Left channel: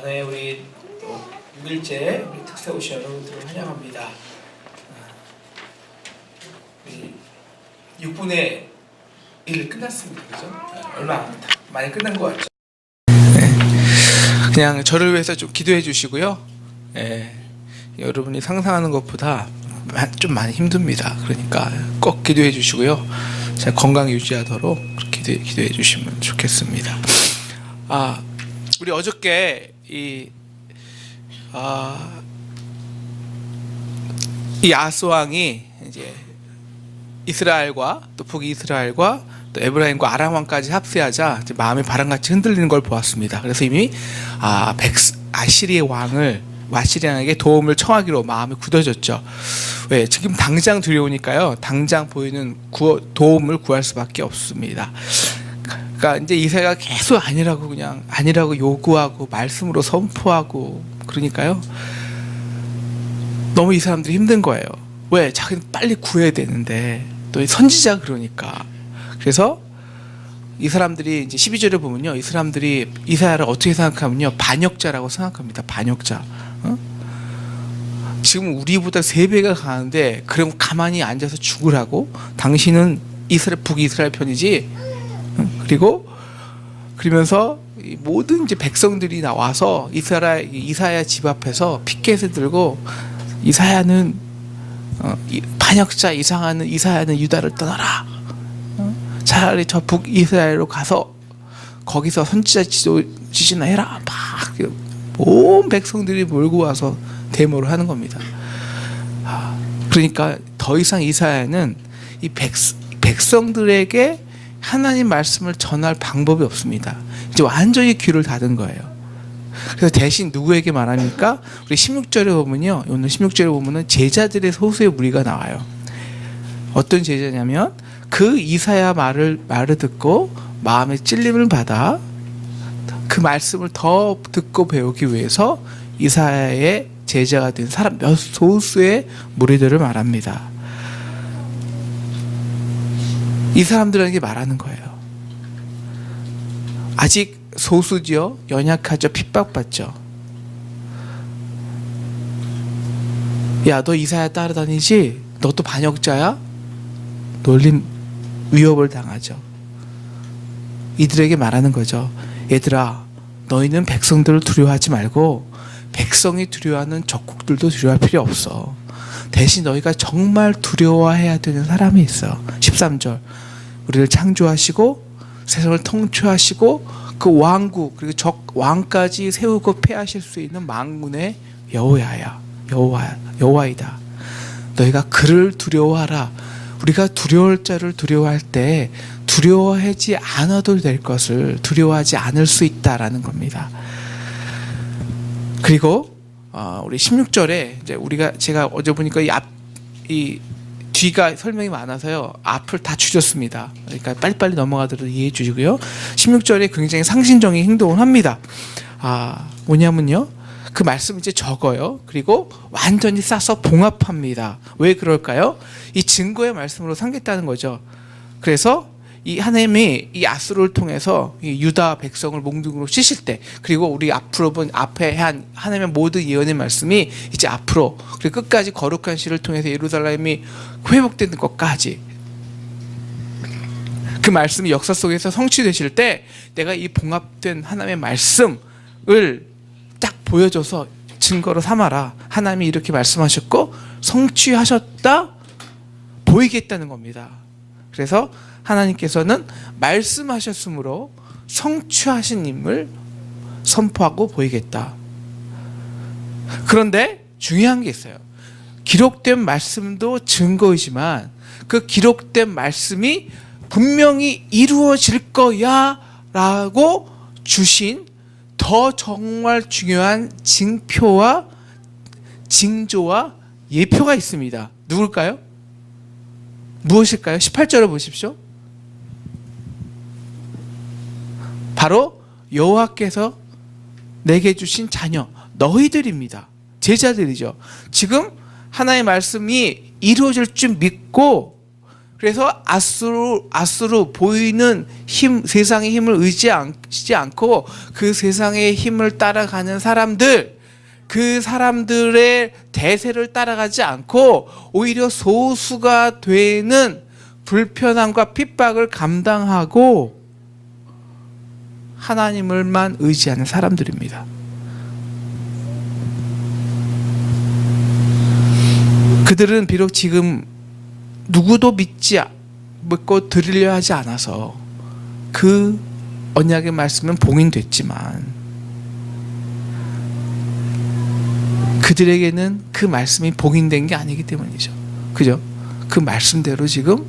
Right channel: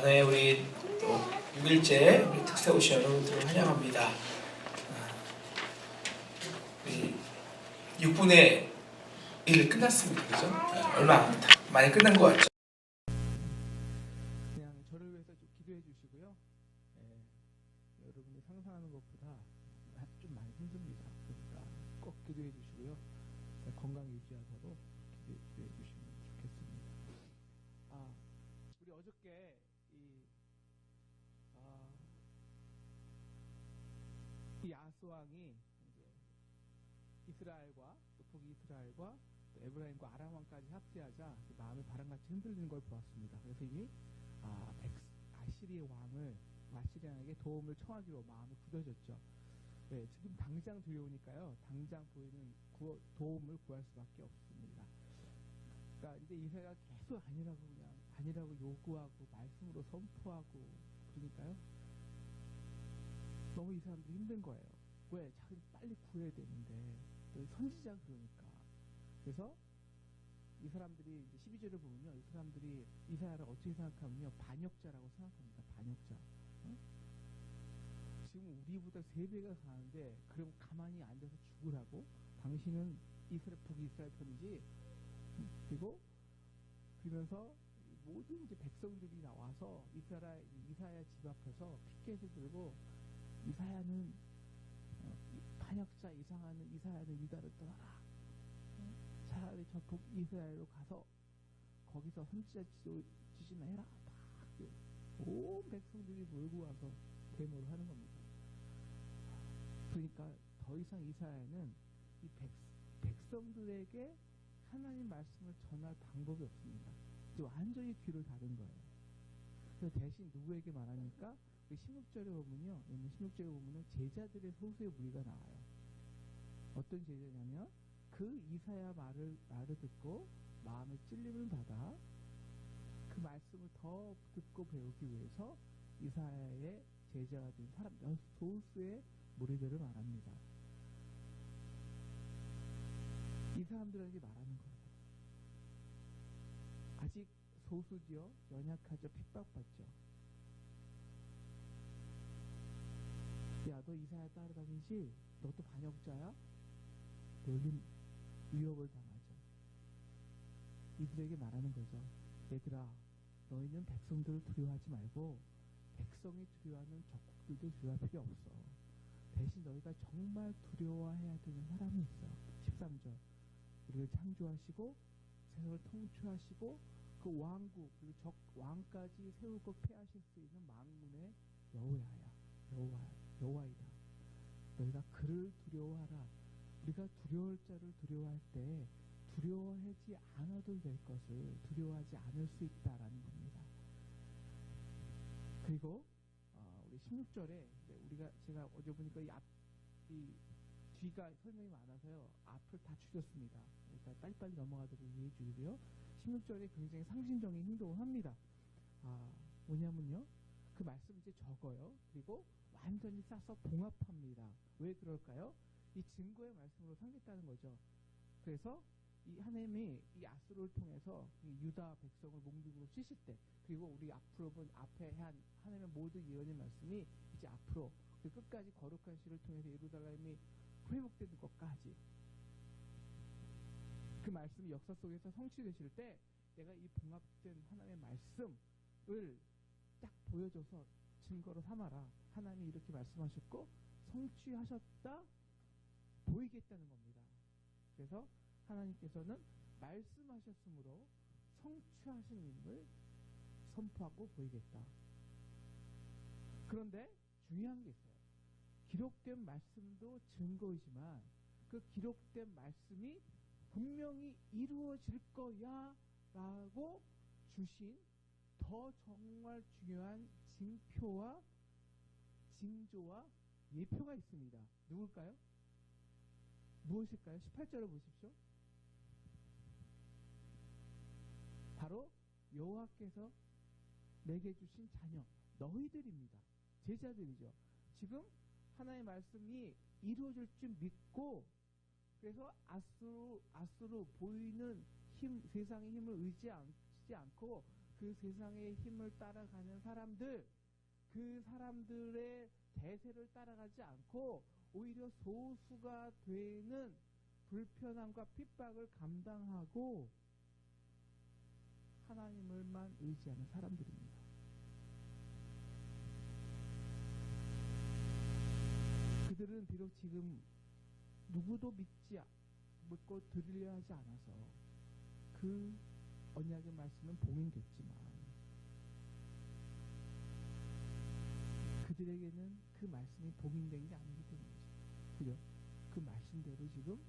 네, 우리 또 6일째 우리 특세 오신 여러분들을 환영합니다. 우리 6분의 1 끝났습니다. 그죠? 얼마 안 많이 끝난 것 같죠? 그냥 저를 위해서 좀 기도해 주시고요. 여러분이 상상하는 것보다 좀 많이 힘듭니다. 그러니까 꼭 기도해 주시고요. 제가 건강 유지하도록 기도해 주시면 좋겠습니다. 우리 어저께 이 아스 왕이 이제 이스라엘과 또 북이스라엘과 또 에브라임과 아람 왕까지 합세하자 이제 마음이 바람같이 흔들리는 걸 보았습니다. 그래서 이미 아시리의 아시리에게 도움을 청하기로 마음이 굳어졌죠. 왜? 지금 당장 두려우니까요. 당장 보이는 도움을 구할 수밖에 없습니다. 그러니까 이제 이새가 계속 아니라고 요구하고 말씀으로 선포하고 그러니까요. 너무 이 사람들이 힘든 거예요. 왜? 자기는 빨리 구해야 되는데 또 선지자 그러니까. 그래서 이 사람들이 이제 12절에 보면요. 이 사람들이 이사야를 어떻게 생각하면요. 반역자라고 생각합니다. 반역자. 지금 우리보다 3배가 강한데 그럼 가만히 앉아서 죽으라고? 당신은 북이스라엘 편이지? 그러면서 모든 이제 백성들이 나와서 이사야 집 앞에서 피켓을 들고 이사야는 반역자 이사야는 유다를 떠나라. 차라리 저 북이스라엘로 가서 거기서 선지자 지시나 해라. 막 온 백성들이 몰고 와서 데모를 하는 겁니다. 그러니까 더 이상 이사야는 이 백성들에게 하나님 말씀을 전할 방법이 없습니다. 이제 완전히 귀를 닫은 거예요. 그래서 대신 누구에게 말합니까? 우리 16절에 보면요. 오늘 16절에 보면은 제자들의 소수의 무리가 나와요. 어떤 제자냐면 그 이사야 말을 듣고 마음에 찔림을 받아 그 말씀을 더 듣고 배우기 위해서 이사야의 제자가 된 사람 몇 소수의 무리들을 말합니다. 이 사람들에게 말하는 거예요. 아직 소수지요. 연약하죠. 핍박받죠. 야, 너 이사야 따라다니지? 너 또 반역자야? 놀림, 위협을 당하죠. 이들에게 말하는 거죠. 얘들아, 너희는 백성들을 두려워하지 말고 백성이 두려워하는 적국들도 두려워할 필요 없어. 대신 너희가 정말 두려워해야 되는 사람이 있어. 13절. 우리를 창조하시고 세상을 통치하시고 그 왕국 그리고 적 왕까지 세우고 패하실 수 있는 만군의 여호와이다. 너희가 그를 두려워하라. 우리가 두려울 자를 두려워할 때 두려워하지 않아도 될 것을 두려워하지 않을 수 있다라는 겁니다. 그리고 우리 16절에 이제 제가 어제 보니까 이 뒤가 설명이 많아서요. 앞을 다 줄였습니다. 그러니까 빨리빨리 넘어가도록 이해해 주시고요. 16절에 굉장히 상신적인 행동을 합니다. 뭐냐면요. 그 말씀을 이제 적어요. 그리고 완전히 싸서 봉합합니다. 왜 그럴까요? 이 증거의 말씀으로 삼겠다는 거죠. 그래서 이 하나님이 이 아수르를 통해서 이 유다 백성을 몽둥이로 치실 때, 그리고 우리 앞으로 본 앞에 한 하나님의 모든 예언의 말씀이 이제 앞으로 그리고 끝까지 거룩한 시를 통해서 예루살렘이 회복되는 것까지 그 말씀이 역사 속에서 성취되실 때 내가 이 봉합된 하나님의 말씀을 딱 보여줘서 증거로 삼아라. 하나님이 이렇게 말씀하셨고 성취하셨다 보이겠다는 겁니다. 그래서 하나님께서는 말씀하셨으므로 성취하신 님을 선포하고 보이겠다. 그런데 중요한 게 있어요. 기록된 말씀도 증거이지만 그 기록된 말씀이 분명히 이루어질 거야 라고 주신 더 정말 중요한 징표와 징조와 예표가 있습니다. 누굴까요? 무엇일까요? 18절을 보십시오. 바로 여호와께서 내게 주신 자녀 너희들입니다. 제자들이죠. 지금 하나님의 말씀이 이루어질 줄 믿고 그래서 아수로 보이는 힘, 세상의 힘을 의지하지 않고 그 세상의 힘을 따라가는 사람들, 그 사람들의 대세를 따라가지 않고 오히려 소수가 되는 불편함과 핍박을 감당하고 하나님을만 의지하는 사람들입니다. 그들은 비록 지금 누구도 믿고 드리려 하지 않아서 그 언약의 말씀은 봉인됐지만 그들에게는 그 말씀이 봉인된 게 아니기 때문이죠. 그죠? 그 말씀대로 지금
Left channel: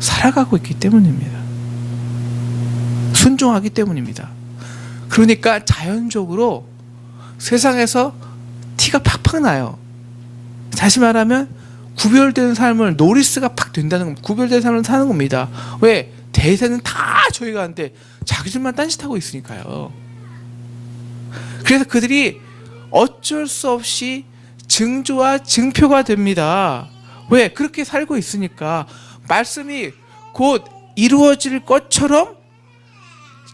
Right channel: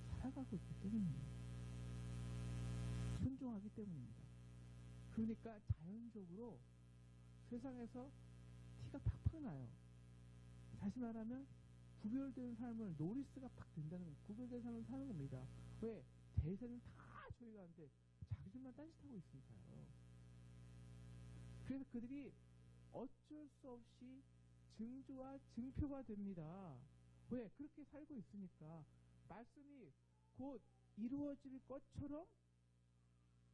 살아가고 있기 때문입니다. 순종하기 때문입니다. 그러니까 자연적으로 세상에서 티가 팍팍 나요. 다시 말하면 구별된 삶을 노리스가 팍 된다는 겁니다. 구별된 삶을 사는 겁니다. 왜? 대세는 다 저희가 하는데 자기들만 딴짓하고 있으니까요. 그래서 그들이 어쩔 수 없이 증조와 증표가 됩니다. 왜? 그렇게 살고 있으니까 말씀이 곧 이루어질 것처럼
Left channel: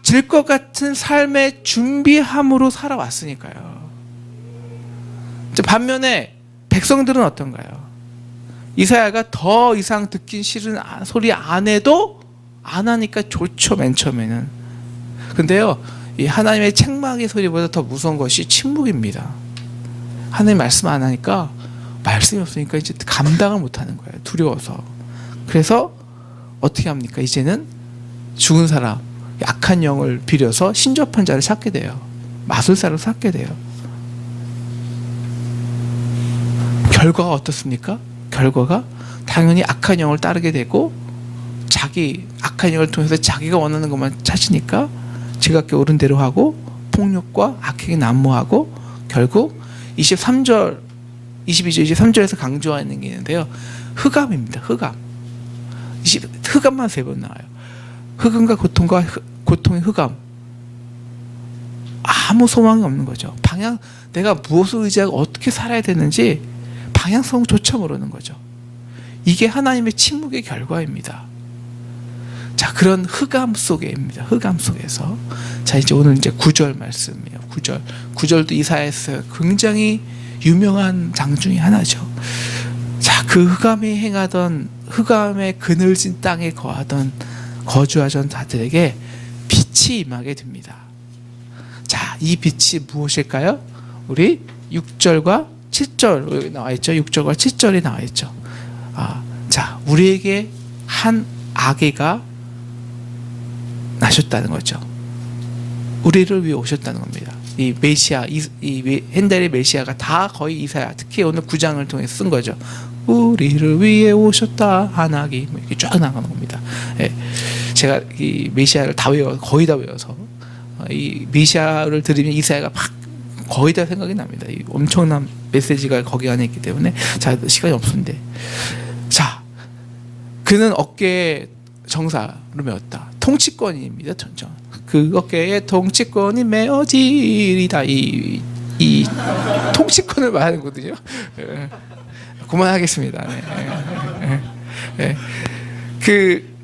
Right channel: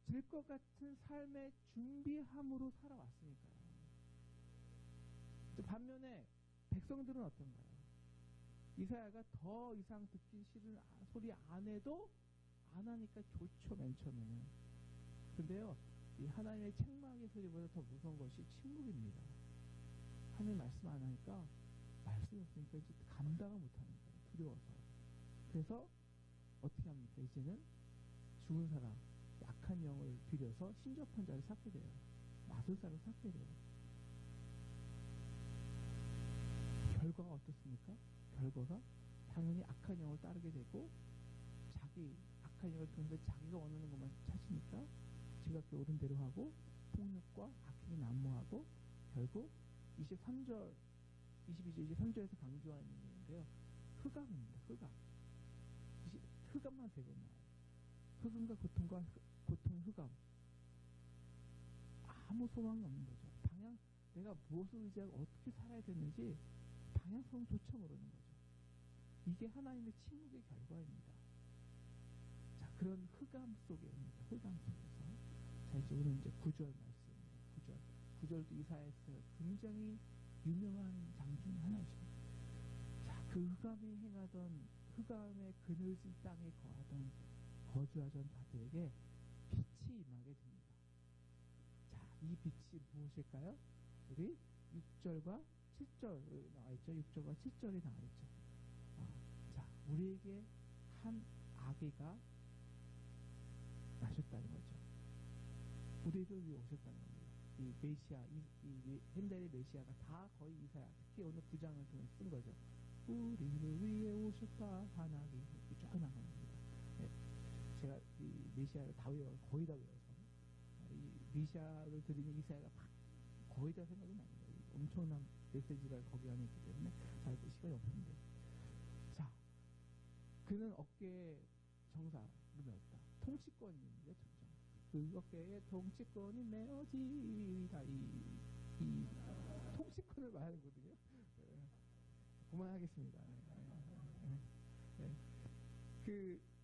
질 것 같은 삶의 준비함으로 살아왔으니까요. 반면에 백성들은 어떤가요? 이사야가 더 이상 듣기 싫은 소리 안 해도 안 하니까 좋죠, 맨 처음에는. 근데요, 이 하나님의 책망의 소리보다 더 무서운 것이 침묵입니다. 하나님 말씀 안 하니까 말씀이 없으니까 이제 감당을 못 하는 거예요. 두려워서. 그래서 어떻게 합니까? 이제는 죽은 사람, 약한 영을 빌려서 신접한 자를 찾게 돼요. 마술사를 찾게 돼요. 결과가 어떻습니까? 결과가 당연히 악한 영을 따르게 되고 자기 악한 영을 통해서 자기가 원하는 것만 찾으니까 지각게 옳은 대로 하고 폭력과 악행이 난무하고 결국 23절, 22절, 23절에서 강조하는 게 있는데요. 흑암입니다. 흑암. 흑암만 3번 나와요. 흑암과 고통의 흑암. 아무 소망이 없는 거죠. 내가 무엇을 의지하고 어떻게 살아야 되는지 방향성조차 모르는 거죠. 이게 하나님의 침묵의 결과입니다. 자, 그런 흑암 속에입니다. 흑암 속에서. 자, 이제 오늘 이제 9절 말씀이에요. 9절도 이사야에서 굉장히 유명한 장 중에 하나죠. 자, 그 흑암의 그늘진 땅에 거주하던 자들에게 빛이 임하게 됩니다. 자, 이 빛이 무엇일까요? 우리 6절과 7절 여기 나와 있죠. 6절과 7절이 나와 있죠. 자, 우리에게 한 아기가 나셨다는 거죠. 우리를 위해 오셨다는 겁니다. 이 메시아, 이 헨델의 메시아가 다 거의 이사야, 특히 오늘 9장을 통해 쓴 거죠. 우리를 위해 오셨다 한 아기, 이렇게 쫙 나가는 겁니다. 예. 제가 이 메시아를 거의 다 외워서 이 메시아를 들으면 이사야가 막 거의 다 생각이 납니다. 이 엄청난 메시지가 거기 안에 있기 때문에. 자, 시간이 없는데, 자, 그는 어깨에 정사를 메었다. 통치권입니다. 그 어깨에 통치권이 메어지리다. 이 통치권을 말하는 거거든요. 그만하겠습니다. 네.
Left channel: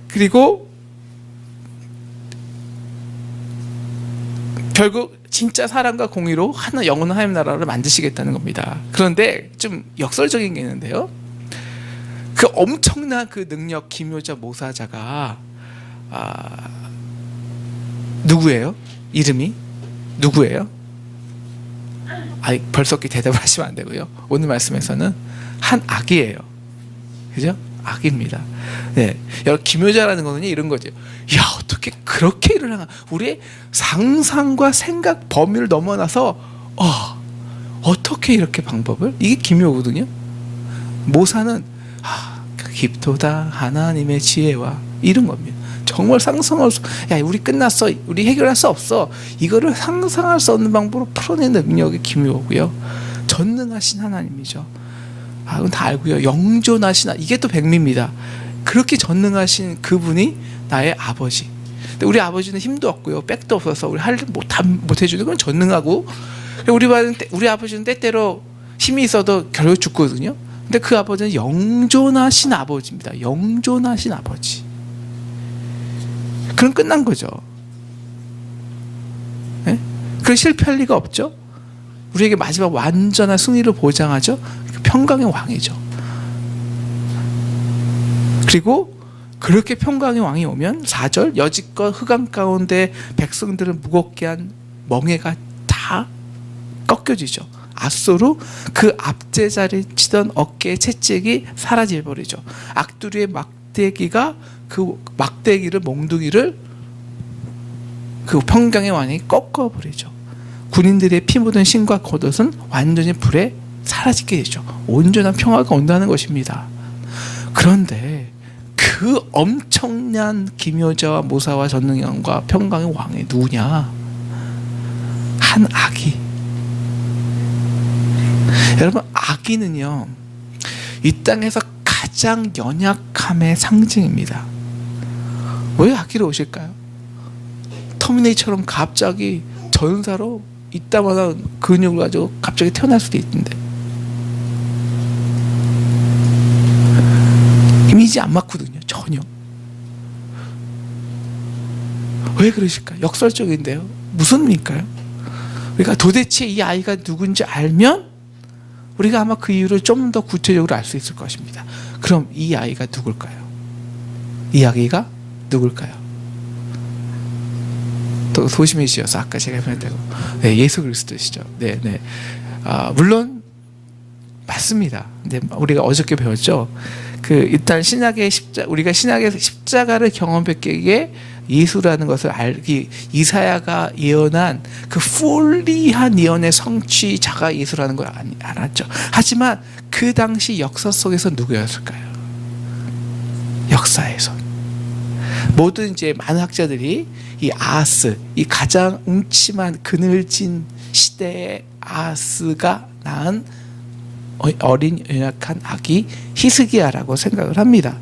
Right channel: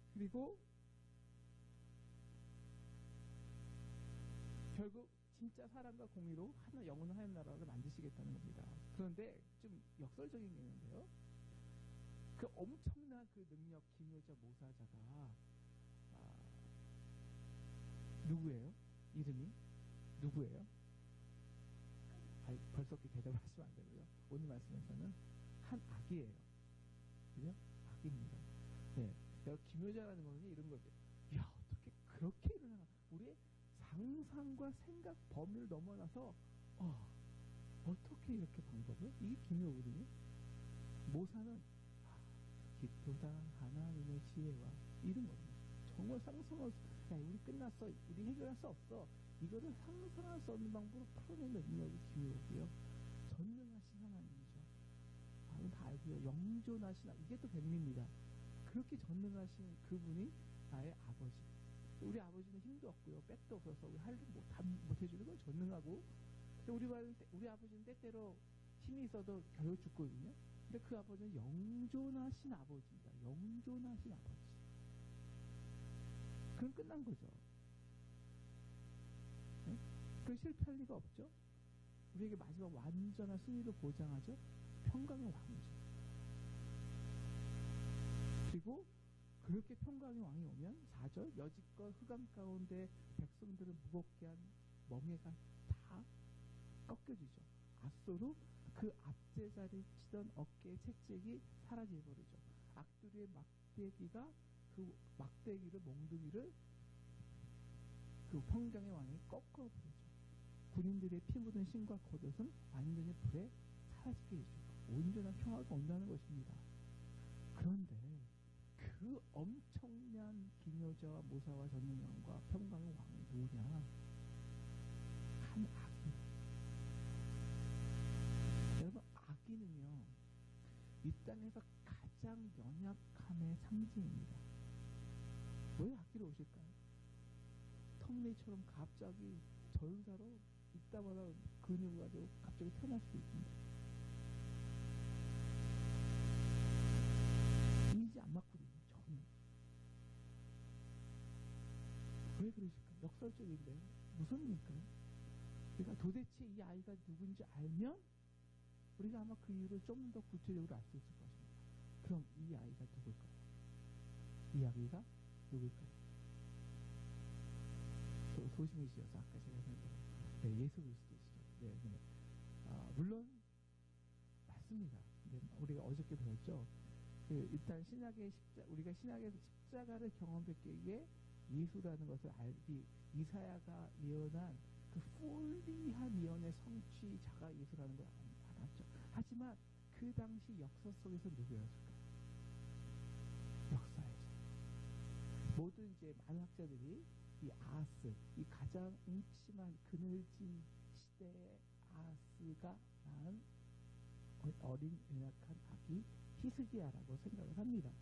그리고 결국 진짜 사랑과 공의로 영원한 하나님 나라를 만드시겠다는 겁니다. 그런데 좀 역설적인 게 있는데요. 그 엄청난 그 능력 기묘자 모사자가 누구예요? 이름이 누구예요? 벌써 대답을 하시면 안 되고요. 오늘 말씀에서는 한 악이에요. 그죠? 악입니다. 네, 기묘자라는 거는 이런 거죠. 야, 어떻게 그렇게 일을 하나? 우리의 상상과 생각 범위를 넘어나서 어떻게 이렇게 방법을? 이게 기묘거든요. 모사는 깊도다 하나님의 지혜와 이런 겁니다. 정말 상상할 수, 우리 끝났어, 우리 해결할 수 없어, 이거를 상상할 수 없는 방법으로 풀어내는 능력이 기묘하고요. 전능하신 하나님이죠. 그건 다 알고요. 영존하신, 이게 또 백미입니다. 그렇게 전능하신 그분이 나의 아버지. 근데 우리 아버지는 힘도 없고요, 백도 없어서 우리 할 일 못 해주는 건 전능하고, 우리 아버지는 때때로 힘이 있어도 결국 죽거든요. 근데 그 아버지는 영존하신 아버지입니다. 영존하신 아버지. 그럼 끝난 거죠. 네? 그럼 실패할 리가 없죠. 우리에게 마지막 완전한 승리를 보장하죠. 평강의 왕이죠. 그리고 그렇게 평강의 왕이 오면 4절 여지껏 흑암 가운데 백성들을 무겁게 한 멍에가 다 꺾여지죠. 아수르 그 앞제자리 치던 어깨의 채찍이 사라져 버리죠. 악두리의 막대기가 그 막대기를 몽둥이를 그 평강의 왕이 꺾어 버리죠. 군인들의 피 묻은 신과 겉옷은 완전히 불에 사라지게 되죠. 온전한 평화가 온다는 것입니다. 그런데 그 엄청난 기묘자와 모사와 전능형과 평강의 왕이 누구냐? 한 아기. 여러분, 아기는요 이 땅에서 가장 연약함의 상징입니다. 왜 아기로 오실까요? 터미네이처럼 갑자기 전사로 이따마다 근육을 가지고 갑자기 태어날 수도 있는데 이미지 안 맞거든요. 전혀. 왜 그러실까요? 역설적인데요. 무슨 의미일까요? 우리가 도대체 이 아이가 누군지 알면 우리가 아마 그 이유를 좀 더 구체적으로 알 수 있을 것입니다. 그럼 이 아이가 누굴까요? 이 아기가 누굴까요? 또 소심해 주셔서 아까 제가 표현대로 네, 예수 그리스도시죠. 네, 네. 물론 맞습니다. 근데 우리가 어저께 배웠죠. 그 일단 신약의 우리가 신약의 십자가를 경험했기에 예수라는 것을 알기 이사야가 예언한 그 풀리한 예언의 성취자가 예수라는 걸 알았죠. 하지만 그 당시 역사 속에서 누구였을까요? 역사에서 모든 이제 많은 학자들이 이 아하스, 이 가장 음침한 그늘진 시대의 아하스가 낳은 어린 연약한 아기 히스기야라고 생각을 합니다.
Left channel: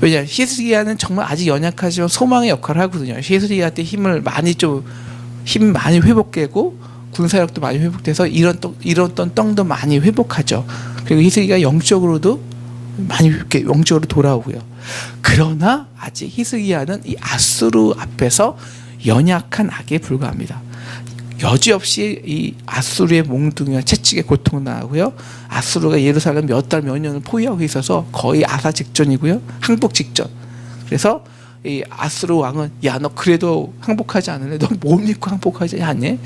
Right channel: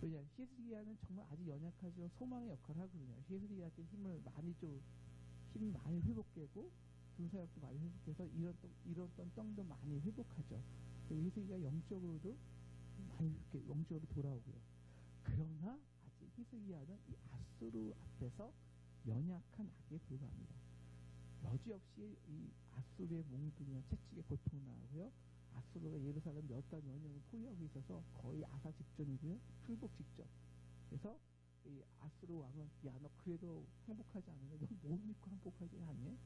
왜냐, 히스기야는 정말 아직 연약하지만 소망의 역할을 하거든요. 히스기야한테 힘 많이 회복되고 군사력도 많이 회복돼서 잃었던 떡도 많이 회복하죠. 그리고 히스기야 영적으로도 많이 이렇게 영적으로 돌아오고요. 그러나 아직 히스기야는 이 아수르 앞에서 연약한 아기에 불과합니다. 여지없이 이 아수르의 몽둥이와 채찍에 고통을 당하고요. 아수르가 예루살렘 몇 달 몇 년을 포위하고 있어서 거의 아사 직전이고요. 항복 직전. 그래서 이 아수르 왕은 야, 너 그래도 항복하지 않을래? 너 못 믿고 항복하지 않니?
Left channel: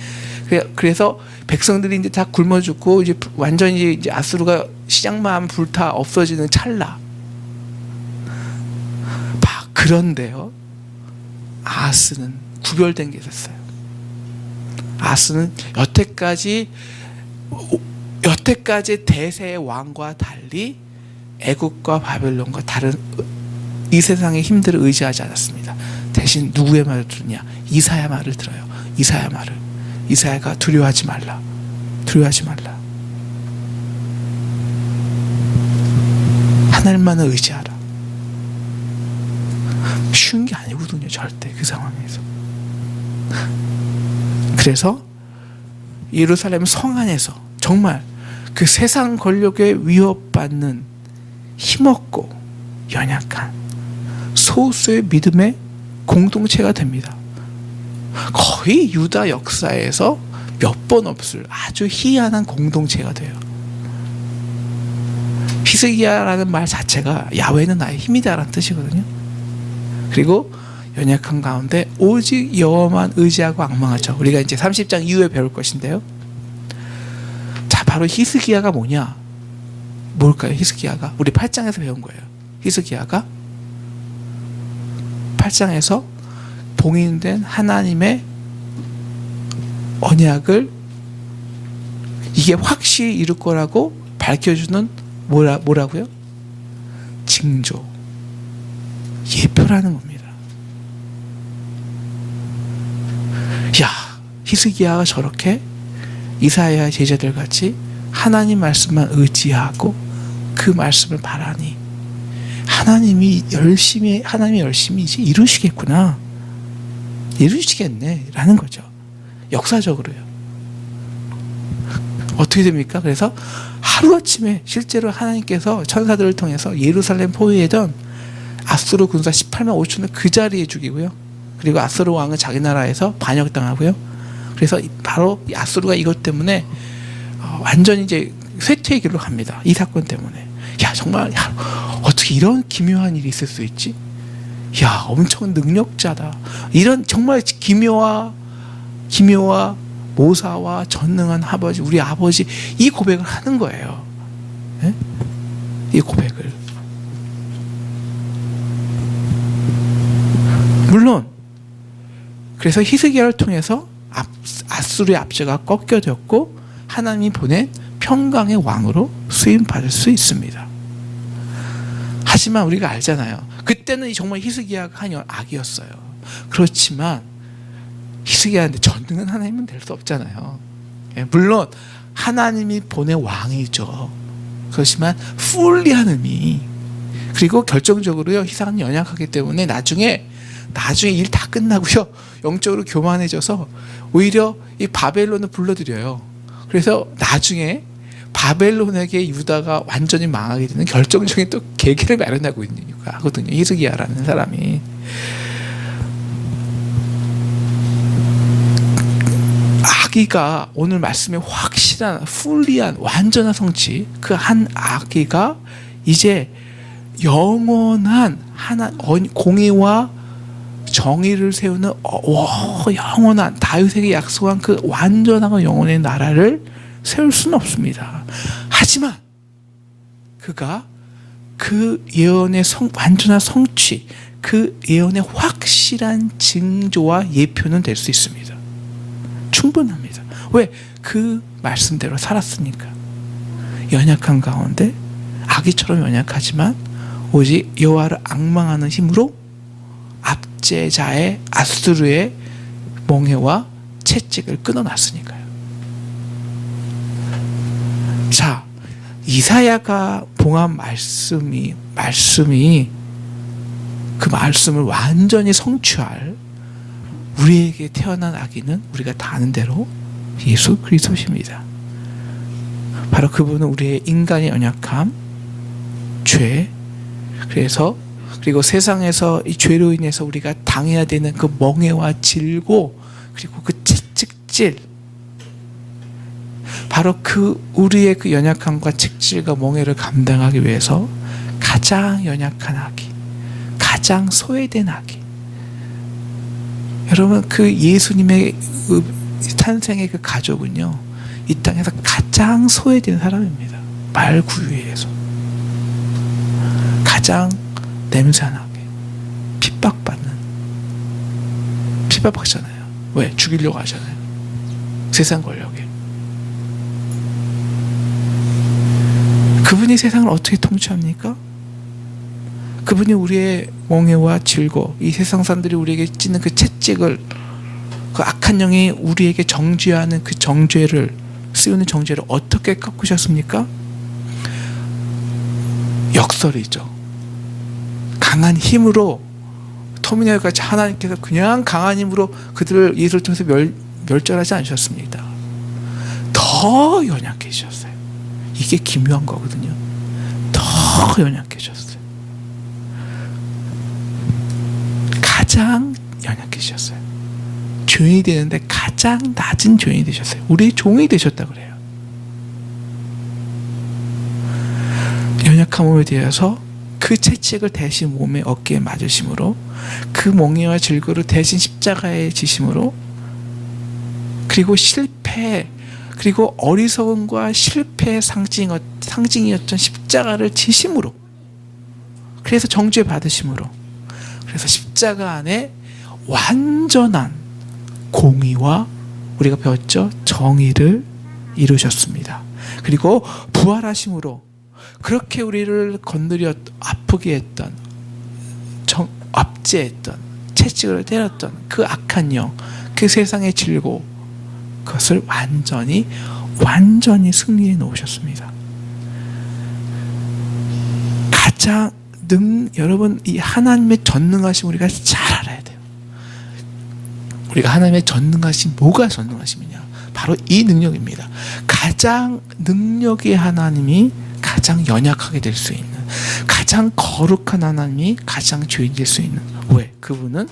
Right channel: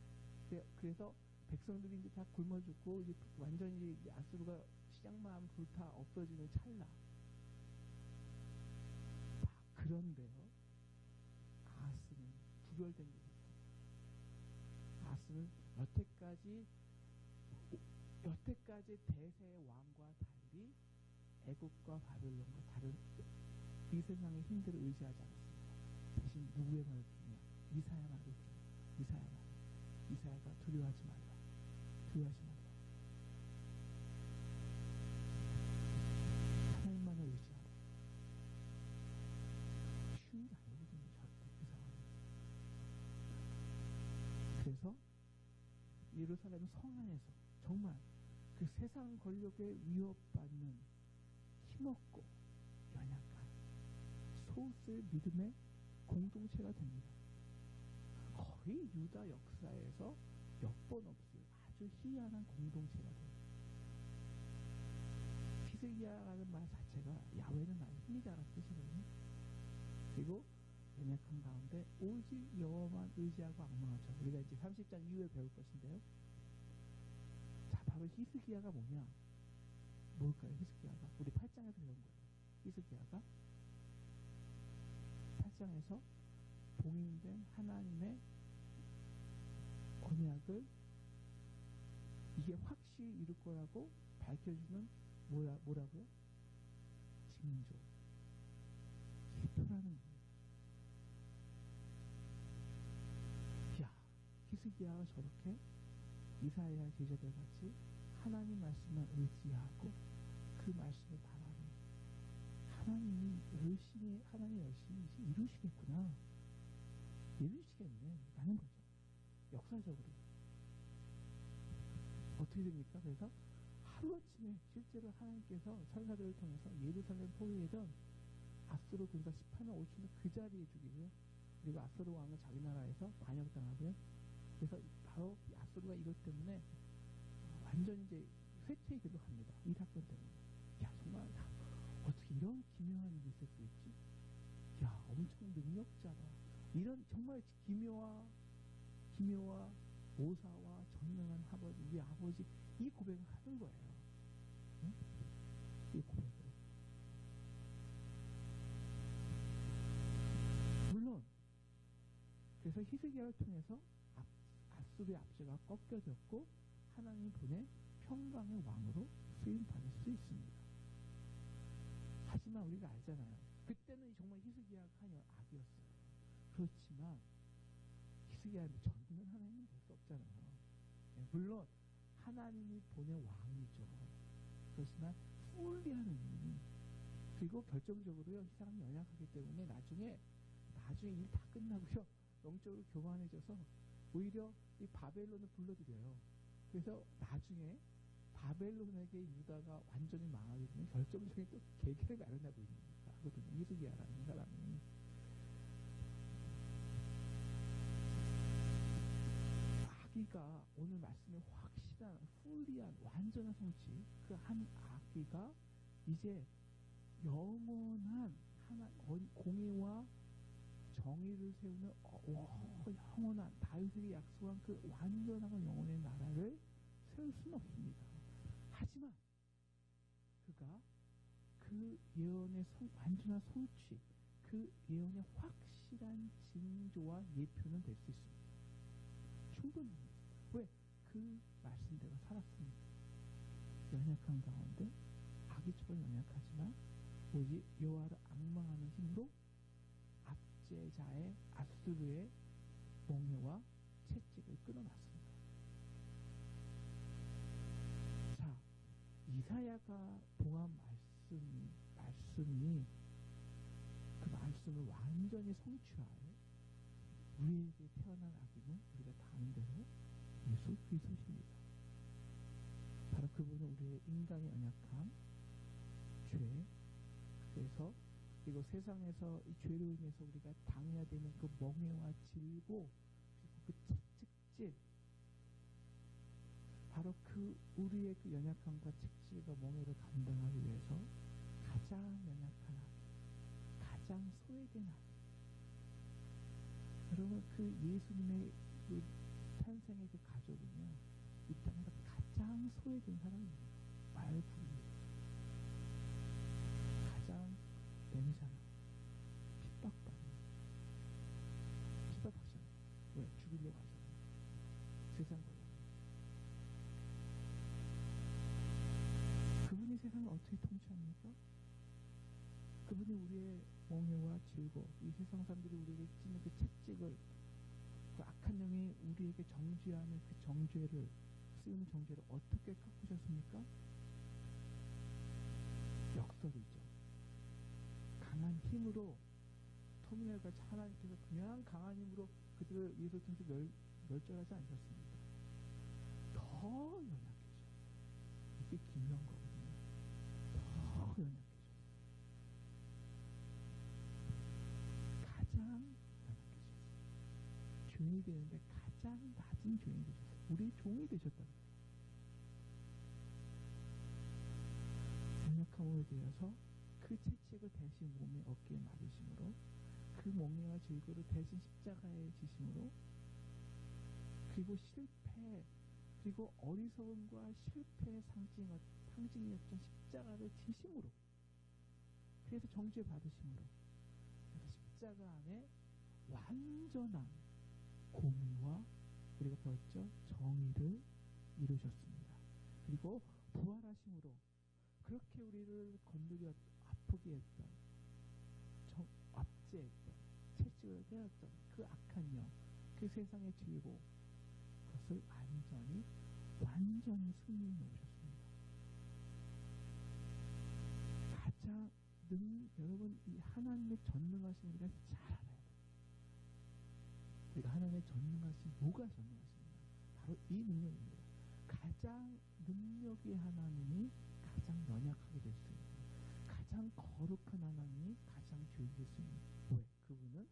그래서 백성들이 이제 다 굶어 죽고 이제 완전히 이제 아수르가 시장만 불타 없어지는 찰나. 그런데요, 아하스는 구별된 게 있었어요. 아하스는 여태까지 대세의 왕과 달리 애국과 바벨론과 다른 이 세상의 힘들을 의지하지 않았습니다. 대신 누구의 말을 들으냐? 이사야 말을 들어요. 이사야 말을. 이사야가 두려워하지 말라. 두려워하지 말라. 하나님만을 의지하라. 쉬운 게 아니거든요. 절대 그 상황에서. 그래서 예루살렘 성 안에서 정말 그 세상 권력에 위협받는 힘없고 연약한 소수의 믿음의 공동체가 됩니다. 거의 유다 역사에서 몇 번 없을 아주 희한한 공동체가 돼요. 히스기야라는 말 자체가 야훼는 나의 힘이다라는 뜻이거든요. 그리고 연약한 가운데 오직 여호와만 의지하고 앙망하죠. 우리가 이제 30장 이후에 배울 것인데요. 자, 바로 히스기야가 뭐냐? 뭘까요? 히스기야가 우리 8장에서 배운 거예요. 히스기야가 8장에서 봉인된 하나님의 언약을 이게 확실히 이룰 거라고 밝혀주는 뭐라고요? 징조, 예표라는 겁니다. 야, 히스기야가 저렇게 이사야 제자들 같이 하나님 말씀만 의지하고 그 말씀을 바라니 하나님이 열심히 이제 이루시겠구나, 이루시겠네 라는 거죠. 역사적으로요. 어떻게 됩니까? 그래서 하루아침에 실제로 하나님께서 천사들을 통해서 예루살렘 포위하던 아수르 군사 18만 5천을 그 자리에 죽이고요. 그리고 아수르 왕은 자기 나라에서 반역당하고요. 그래서 바로 이 아수르가 이것 때문에 완전히 이제 쇠퇴의 길로 갑니다. 이 사건 때문에. 야, 정말, 야, 어떻게 이런 기묘한 일이 있을 수 있지? 야, 엄청 능력자다. 이런 정말 기묘와 모사와 전능한 아버지, 우리 아버지, 이 고백을 하는 거예요. 네? 이 고백을. 물론 그래서 히스기야를 통해서 아수르의 압제가 꺾여졌고 하나님이 보낸 평강의 왕으로 수임받을 수 있습니다. 하지만 우리가 알잖아요. 그때는 정말 히스기야가 한 악이었어요. 그렇지만 히스기야한테 전능한 하나님은 될 수 없잖아요. 물론 하나님이 보낸 왕이죠. 그렇지만 풀리한 의미, 그리고 결정적으로요, 희상은 연약하기 때문에 나중에 일 다 끝나고요, 영적으로 교만해져서 오히려 이 바벨론을 불러들여요. 그래서 나중에 바벨론에게 유다가 완전히 망하게 되는 결정적인 또 계기를 마련하고 있는 이유가 하거든요. 히스기야라는 사람이. 아기가 오늘 말씀에 확실한 풀리한 완전한 성취, 그 한 아기가 이제 영원한 공의와 정의를 세우는 영원한 다윗에게 약속한 그 완전한 영원의 나라를 세울 수는 없습니다. 하지만 그가 그 예언의 완전한 성취, 그 예언의 확실한 징조와 예표는 될 수 있습니다. 충분합니다. 왜? 그 말씀대로 살았으니까. 연약한 가운데 아기처럼 연약하지만 오직 여호와를 앙망하는 힘으로 압제자의 아수르의 멍에와 채찍을 끊어놨으니까요. 자, 이사야가 봉한 말씀이 그 말씀을 완전히 성취할 우리에게 태어난 아기는 우리가 다 아는 대로 예수 그리스도십니다. 바로 그분은 우리의 인간의 연약함, 죄, 그리고 세상에서 이 죄로 인해서 우리가 당해야 되는 그 멍에와 질고, 그리고 그 채찍질, 바로 그 우리의 그 연약함과 채찍질과 멍에를 감당하기 위해서 가장 연약한 아기, 가장 소외된 아기, 여러분, 그 예수님의 탄생의 그 가족은요, 이 땅에서 가장 소외된 사람입니다. 말구유에서 가장 냄새나게 핍박받잖아요. 왜? 죽이려고 하잖아요. 세상 권력에. 그분이 세상을 어떻게 통치합니까? 그분이 우리의 멍에와 질고, 이 세상 사람들이 우리에게 찢는 그 채찍을, 그 악한 영이 우리에게 정죄하는 그 정죄를, 씌우는 정죄를 어떻게 꺾으셨습니까? 역설이죠. 강한 힘으로, 터미널까지 하나님께서 그냥 강한 힘으로 그들을 예수를 통해서 멸절하지 않으셨습니다. 더 연약해지셨어요. 이게 기묘한 거거든요. 더 연약해졌어요. 가장 연약해지셨어요. 죄인이 되는데 가장 낮은 죄인이 되셨어요. 우리의 종이 되셨다 그래요. 연약한 몸에 대해서 그 채찍을 대신 몸에 어깨에 맞으심으로, 그 멍에와 질고를 대신 십자가에 지심으로, 그리고 실패, 그리고 어리석음과 실패의 상징이었던 십자가를 지심으로, 그래서 정죄 받으심으로, 그래서 십자가 안에 완전한 공의와 우리가 배웠죠, 정의를 이루셨습니다. 그리고 부활하심으로 그렇게 우리를 건드려 아프게 했던, 압제했던, 채찍을 때렸던 그 악한 영, 그 세상의 질고, 그것을 완전히 승리해 놓으셨습니다. 여러분, 이 하나님의 전능하심 우리가 잘 알아야 돼요. 우리가 하나님의 전능하심, 뭐가 전능하심이냐? 바로 이 능력입니다. 가장 능력의 하나님이 가장 연약하게 될 수 있는, 가장 거룩한 하나님이 가장 죄인 될 수 있는. 왜? 그분은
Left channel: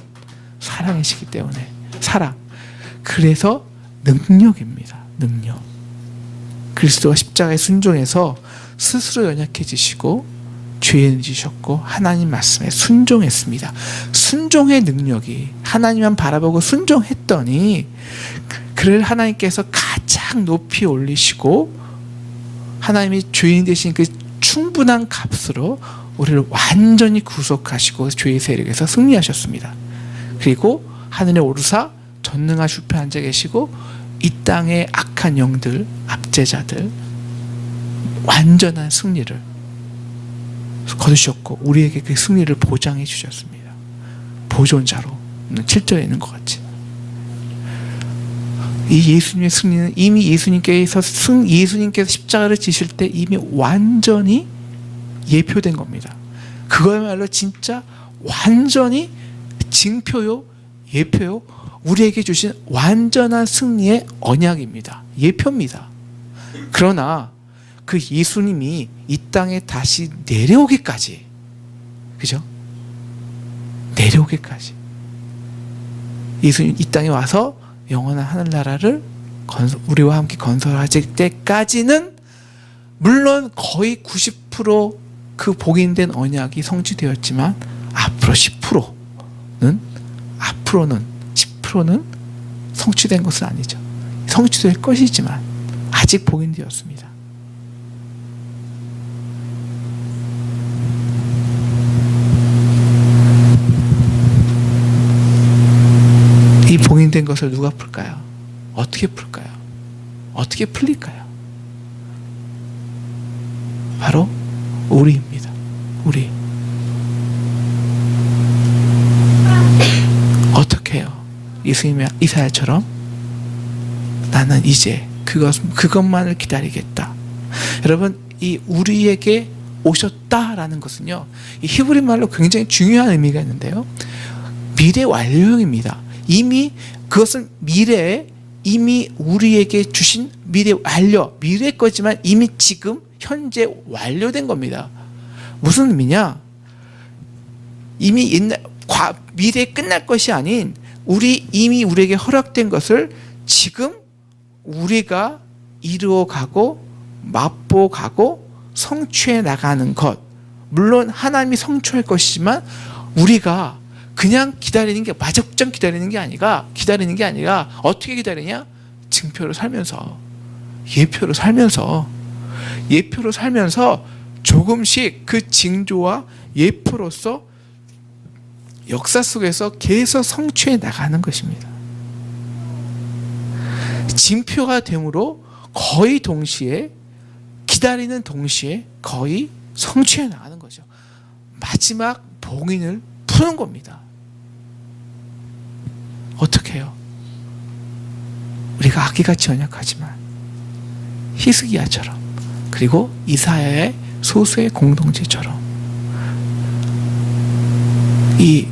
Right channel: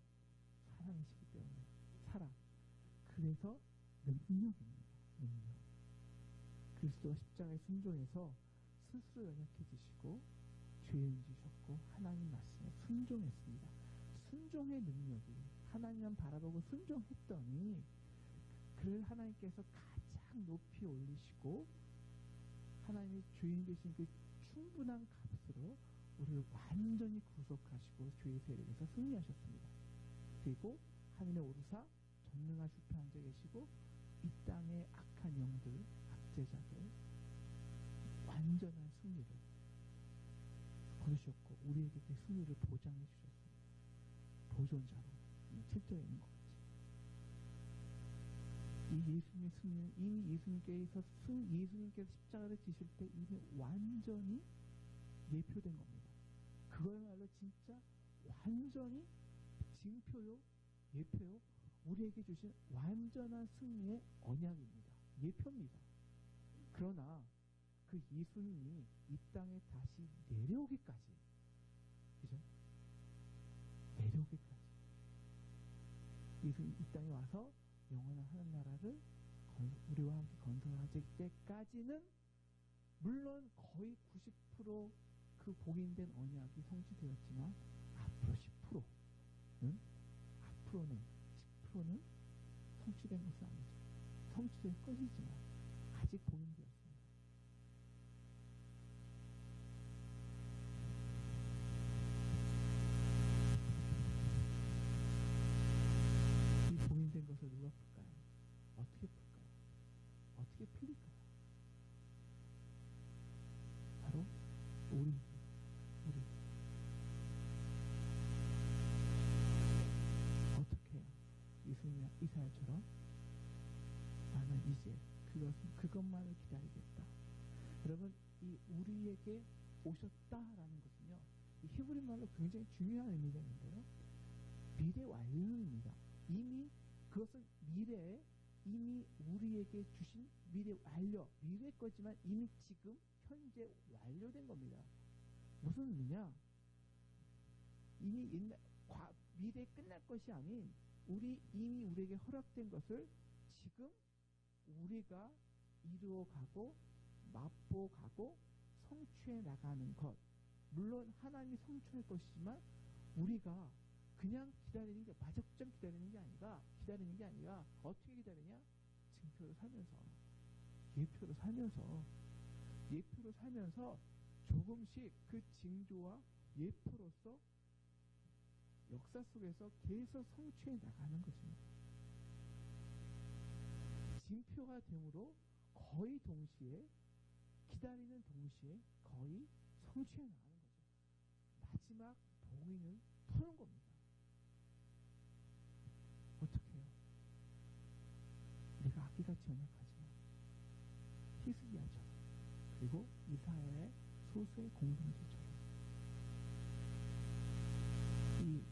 사랑이시기 때문에. 사랑. 그래서 능력입니다. 능력. 그리스도가 십자가에 순종해서 스스로 연약해지시고 죄인이셨고 하나님 말씀에 순종했습니다. 순종의 능력이, 하나님만 바라보고 순종했더니 그를 하나님께서 가장 높이 올리시고 하나님이 죄인 되신 그 충분한 값으로 우리를 완전히 구속하시고 죄의 세력에서 승리하셨습니다. 그리고 하늘에 오르사 전능하신 우편에 앉아 계시고 이 땅의 악한 영들, 압제자들 완전한 승리를 거두셨고 우리에게 그 승리를 보장해 주셨습니다. 보존자로 7절에 있는 것 같이. 이 예수님의 승리는 이미 예수님께서 십자가를 지실 때 이미 완전히 예표된 겁니다. 그거야말로 진짜 완전히 징표요, 예표요, 우리에게 주신 완전한 승리의 언약입니다. 예표입니다. 그러나 그 예수님이 이 땅에 다시 내려오기까지, 그죠? 내려오기까지 예수님 이 땅에 와서 영원한 하늘나라를 우리와 함께 건설하실 때까지는 물론 거의 90% 복인된 언약이 성취되었지만 앞으로 10%는 성취된 것은 아니죠. 성취될 것이지만 아직 복인되었습니다. 이 봉인된 것을 누가 풀까요? 어떻게 풀까요? 어떻게 풀릴까요? 바로 우리입니다. 우리. 어떻게 해요? 예수님의 이사야처럼 나는 이제 그것만을 기다리겠다. 여러분, 이 우리에게 오셨다라는 것은요, 이 히브리 말로 굉장히 중요한 의미가 있는데요, 미래 완료형입니다. 이미 그것은 미래에 이미 우리에게 주신 미래 완료, 미래 거지만 이미 지금 현재 완료된 겁니다. 무슨 의미냐? 이미 미래에 끝날 것이 아닌 이미 우리에게 허락된 것을 지금 우리가 이루어가고 맛보가고 성취해 나가는 것. 물론 하나님이 성취할 것이지만 우리가 그냥 기다리는 게, 마적정 기다리는 게 아니라 어떻게 기다리냐? 증표로 살면서, 예표로 살면서 조금씩 그 징조와 예표로서 역사 속에서 계속 성취해 나가는 것입니다. 징표가 되므로 거의 동시에, 기다리는 동시에 거의 성취해 나가는 거죠. 마지막 봉인을 푸는 겁니다. 어떻게 해요? 우리가 아기같이 연약하지만 히스기야처럼, 그리고 이사야의 소수의 공동체처럼 이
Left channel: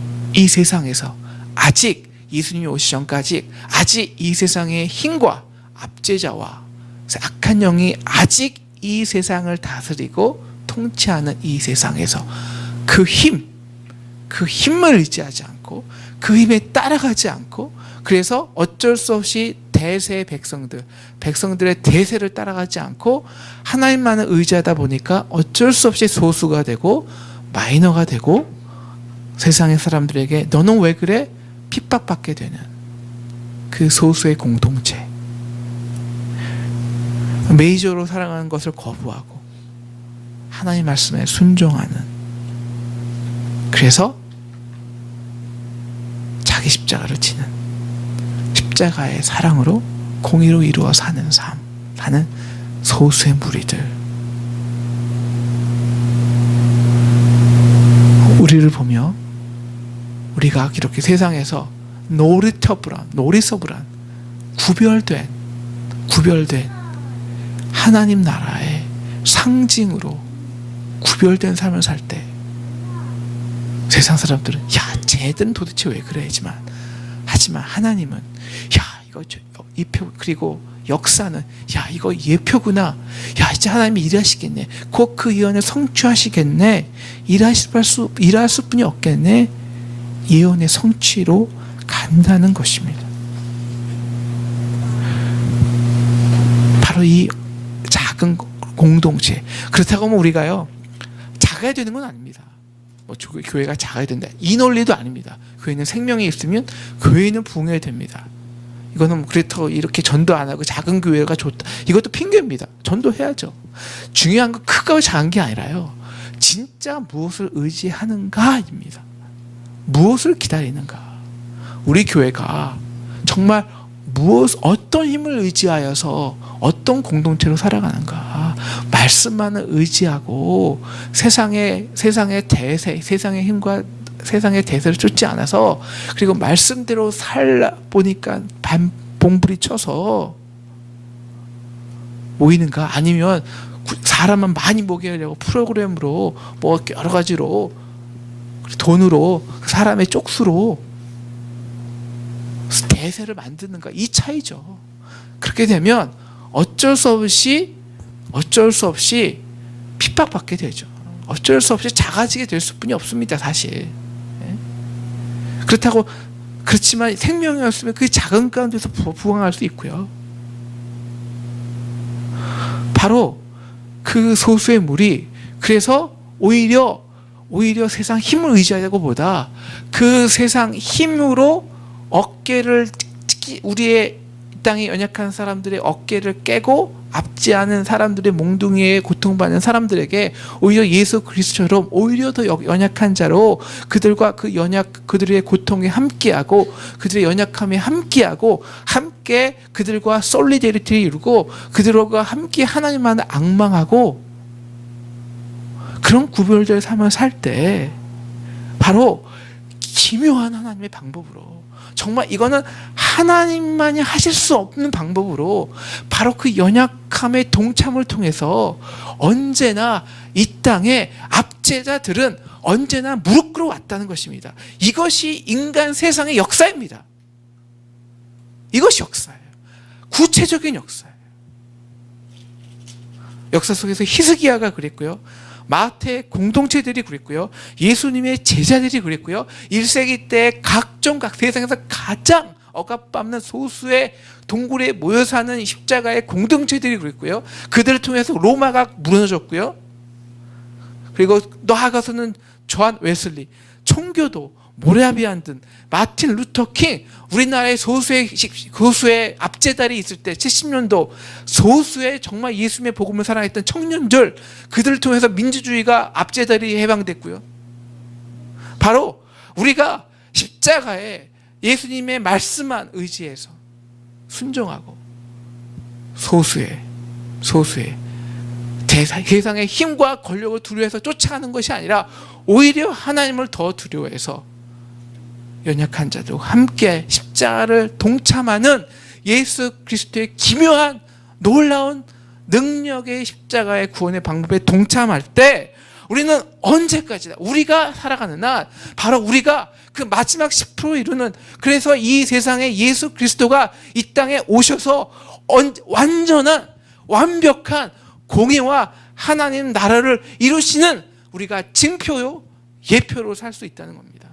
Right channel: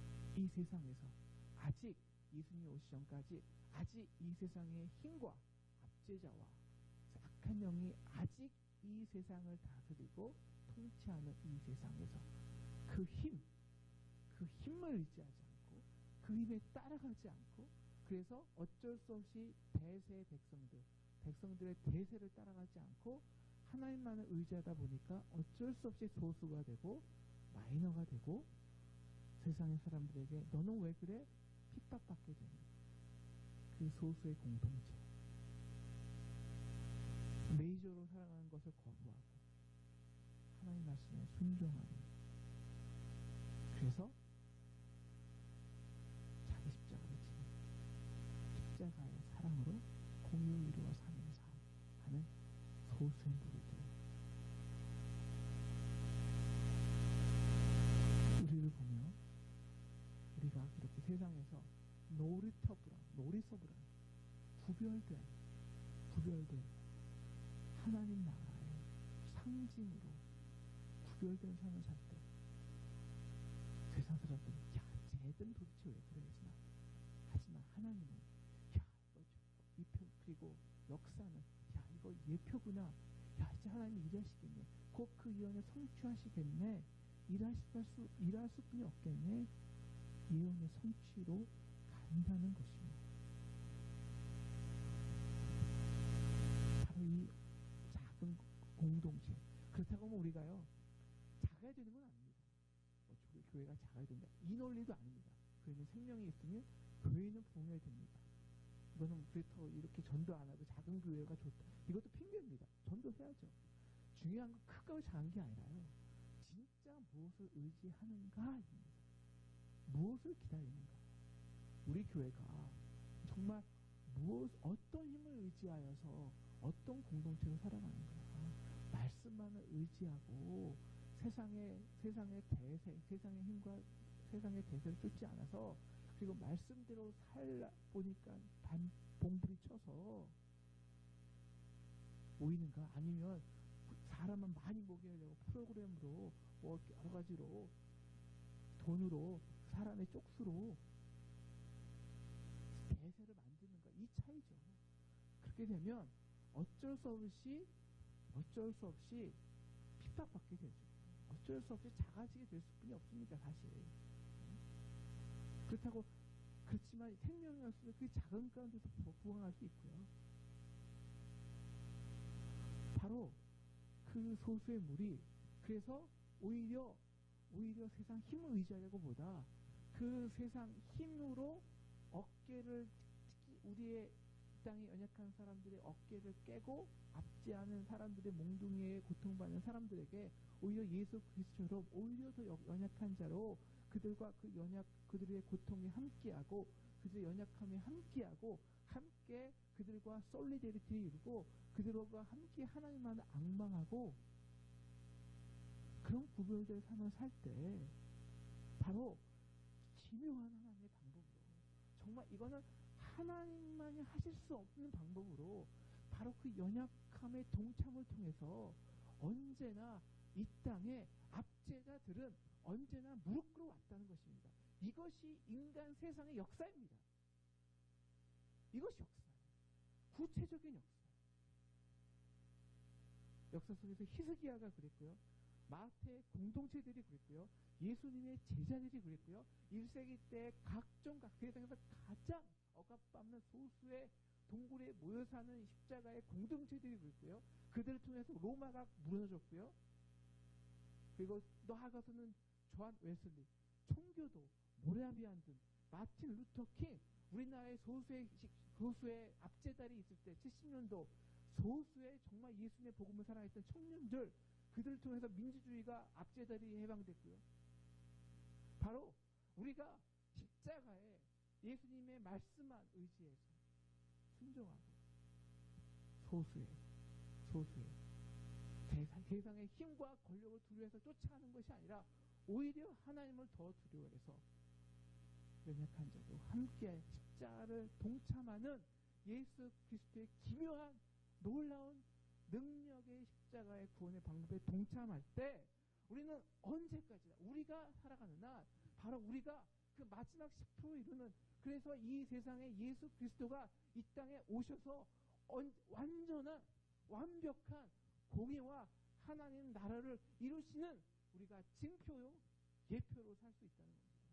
세상에서 아직 예수님이 오시기 전까지 아직 이 세상의 힘과 압제자와 악한 영이 아직 이 세상을 다스리고 통치하는 이 세상에서 그 힘을 의지하지 않고 그 힘에 따라가지 않고, 그래서 어쩔 수 없이 대세의 백성들의 대세를 따라가지 않고 하나님만을 의지하다 보니까 어쩔 수 없이 소수가 되고 마이너가 되고 세상의 사람들에게 너는 왜 그래? 핍박받게 되는 그 소수의 공동체, 메이저로 살아가는 것을 거부하고 하나님 말씀에 순종하는, 그래서 자기 십자가를 지는, 십자가의 사랑으로 공의로 이루어 사는 소수의 무리들, 우리를 보며 우리가 이렇게 세상에서 노리서블한 구별된 하나님 나라의 상징으로 구별된 삶을 살 때 세상 사람들은 야 쟤들은 도대체 왜 그래 하지만 하나님은 야 이거 예표, 그리고 역사는 야 이거 예표구나. 야 이제 하나님이 일하시겠네. 곧 그 예언을 성취하시겠네. 일하실 분이 없겠네. 예언의 성취로 간다는 것입니다. 바로 이 작은 공동체. 그렇다고 하면 우리가요 작아야 되는 건 아닙니다. 뭐 교회가 작아야 된다 이 논리도 아닙니다. 교회는 생명이 있으면 교회는 부흥해야 됩니다. 이거는 그렇다고 이렇게 전도 안 하고 작은 교회가 좋다 이것도 핑계입니다. 전도해야죠. 중요한 건 크고 작은 게 아니라요 진짜 무엇을 의지하는가입니다. 무엇을 기다리는가. 우리 교회가 정말 어떤 힘을 의지하여서 어떤 공동체로 살아가는가. 말씀만을 의지하고 세상의 대세, 세상의 힘과 세상의 대세를 쫓지 않아서 그리고 말씀대로 살다 보니까 봉부리 쳐서 모이는가. 아니면 사람만 많이 모게 하려고 프로그램으로 뭐 여러 가지로 돈으로 사람의 쪽수로 대세를 만드는가. 이 차이죠. 그렇게 되면 어쩔 수 없이 핍박받게 되죠. 어쩔 수 없이 작아지게 될 수뿐이 없습니다. 사실. 그렇지만 생명이었으면 그 작은 가운데서 부흥할 수 있고요. 바로 그 소수의 무리. 그래서 오히려 세상 힘을 의지하려고 보다 그 세상 힘으로 어깨를, 특히 우리의 땅에 연약한 사람들의 어깨를 깨고 앞지하는 사람들의 몽둥이에 고통받는 사람들에게 오히려 예수 그리스도처럼 오히려 더 연약한 자로 그들의 고통에 함께하고 그들의 연약함에 함께하고 함께 그들과 솔리데리티를 이루고 그들과 함께 하나님만을 앙망하고 그런 구별될 삶을 살 때 바로 기묘한 하나님의 방법으로 정말 이거는 하나님만이 하실 수 없는 방법으로 바로 그 연약함의 동참을 통해서 언제나 이 땅에 압제자들은 언제나 무릎 꿇어 왔다는 것입니다. 이것이 인간 세상의 역사입니다. 이것이 역사예요. 구체적인 역사예요. 역사 속에서 히스기야가 그랬고요. 마태 공동체들이 그랬고요. 예수님의 제자들이 그랬고요. 1세기 때 각 세상에서 가장 억압받는 소수의 동굴에 모여 사는 십자가의 공동체들이 그랬고요. 그들을 통해서 로마가 무너졌고요. 그리고 나아가서는 조한 웨슬리, 총교도, 모라비안 등 마틴 루터 킹, 우리나라의 소수의 압제달이 있을 때 70년도 소수의 정말 예수님의 복음을 사랑했던 청년들, 그들을 통해서 민주주의가 압제달이 해방됐고요. 바로 우리가 십자가에 예수님의 말씀만 의지해서 순종하고 소수의 세상의 힘과 권력을 두려워해서 쫓아가는 것이 아니라 오히려 하나님을 더 두려워해서 연약한 자들과 함께 십자가를 동참하는 예수 그리스도의 기묘한 놀라운 능력의 십자가의 구원의 방법에 동참할 때 우리는 언제까지나 우리가 살아가는 날 바로 우리가 그 마지막 10% 이루는, 그래서 이 세상에 예수 그리스도가 이 땅에 오셔서 완전한 완벽한 공의와 하나님 나라를 이루시는 우리가 증표요 예표로 살 수 있다는 겁니다.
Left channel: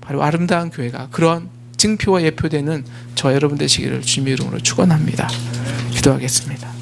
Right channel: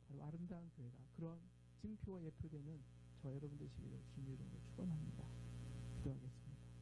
바로 아름다운 교회가 그런 증표와 예표되는 저 여러분 되시기를 주님의 이름으로 축원합니다. 기도하겠습니다.